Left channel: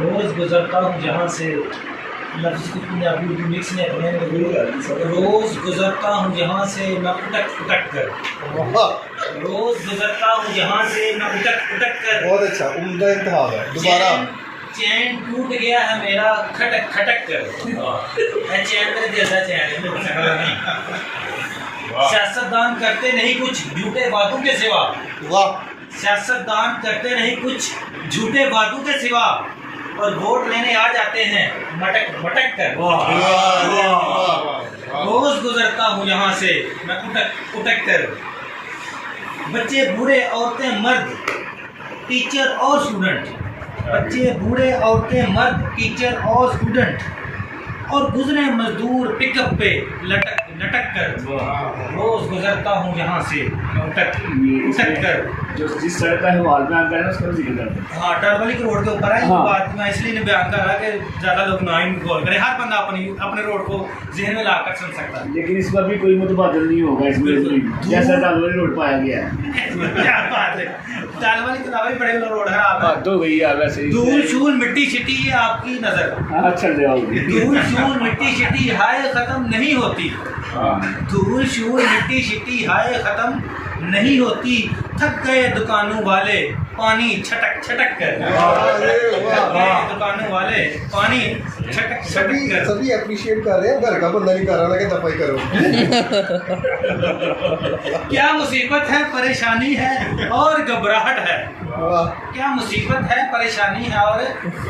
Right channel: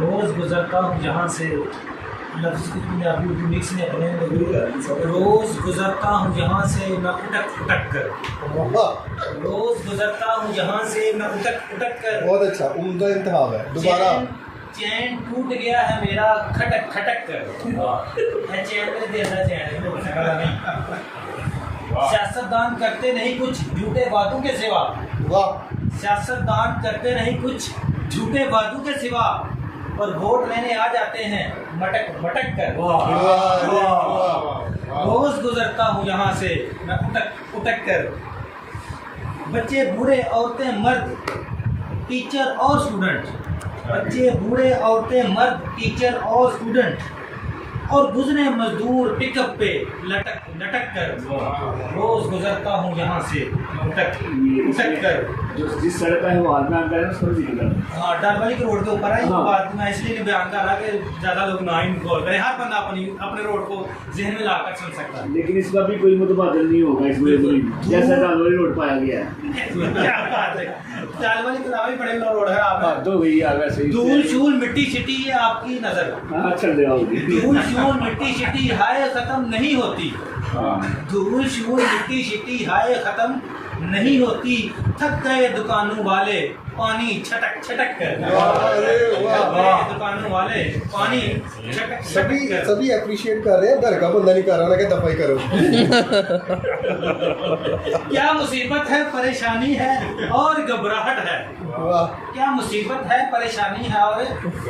रोज़ गुज़रता हूँ जहाँ से लफ्ज़ की पंजाबी उर्दू मिक्स में अपने रोज़ गुज़रता हूँ जहाँ से मैं उटक उटक कर। रोज़ गुज़रता हूँ जहाँ से मैं उटक उटक कर। बहुत अच्छा, उम्दा इंतहाब है। दोबारा चैन टूट गया है मेरा खटक खटक कर। मैं चैन मेरे दिल का चैन है। सियासतदान करते नहीं कुछ झूठे वादों के सिवा। वाह। सियासतदान करते नहीं कुछ झूठे वादों के सिवा और वोट लेने आ जाते हैं मटक मटक कर। रोज गुजरता हूँ यहाँ से मैं उटक उटक कर। बच्चे बूढ़े औरतें मर्द टीचर और स्टूडेंट। बच्चे बूढ़े औरतें मर्द टीचर और स्टूडेंट और गुजरे मजदूर पिकअप पे लटक लटक कर। रोज गुजरता हूँ यहाँ से उटक उटक कर। जो जिस सड़क का हिमाल में आता है ना उस पर जिक्र करते हैं। हाँ, डालवाली के रोड के ऊपर है। हाँ। बात मैं इसलिए बयान कर रहा कि ज़्यादा लोग ना ही गौर करें। हर बंदा अपने रोड को जहन में लाकर सुन सकता है। लेकिन इस पर भी कोई मुतबादल नहीं होगा इसमें जैसा डालवाली रोड पाया गया है। क्या बात है, डालवाली के अलावा भी बड़े रोड खराब है। तो गई है वैसे ही। धूल शूल मिट्टी शिट्टी ये आपकी नजर। हाँ, चल रहा होगी। धूल शूल मिट्टी शिट्टी हाय खत्म नहीं होती। धूल शूल मिट्टी शिट्टी हाय खत्म नहीं होती। थक गए दुकानों वाले पानी छटक छटक कर। थक गए दुकानों वाले पानी छटक सभी छटक कर। सभी अप्रिशिएट कर रहे हैं, घर का बंदा नहीं कर रहा, लगे दफाई करो। क्या मुसीबत है परेशानी है और घबराहट है। वाह। क्या मुसीबत है परेशानी है और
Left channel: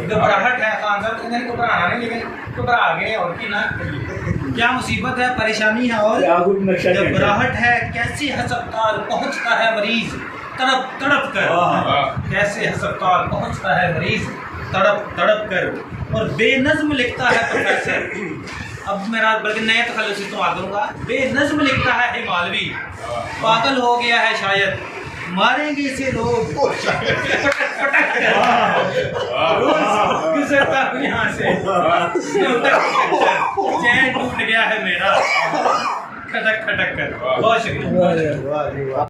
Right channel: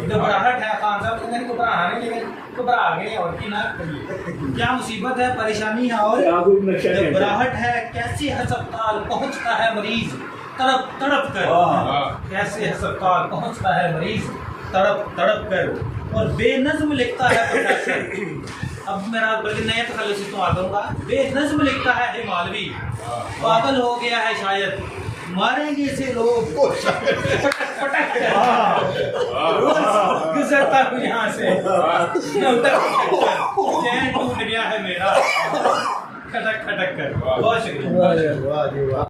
घबराहट है। खान साहब तो मैंने घबराना नहीं, लेकिन घबरा गए और की ना। क्या मुसीबत है परेशानी है और घबराहट है। कैसे अस्पताल पहुंचता है मरीज तड़प तड़प कर। कैसे अस्पताल पहुंचता है मरीज तड़प तड़प कर। और बेनज़्म लिखता है प्रोफेसर। अब मेरा बल्कि नए तखल्लुस इस्तेमाल करूंगा। बेनज़्म लिखता है हिमालवी। पागल हो गया है शायद मारेंगे इसे लोग पटक पटक कर। रोज गुजरता हूँ यहाँ से चैन टूट गया है मेरा खटक खटक कर। बहुत शुक्रिया। वाह।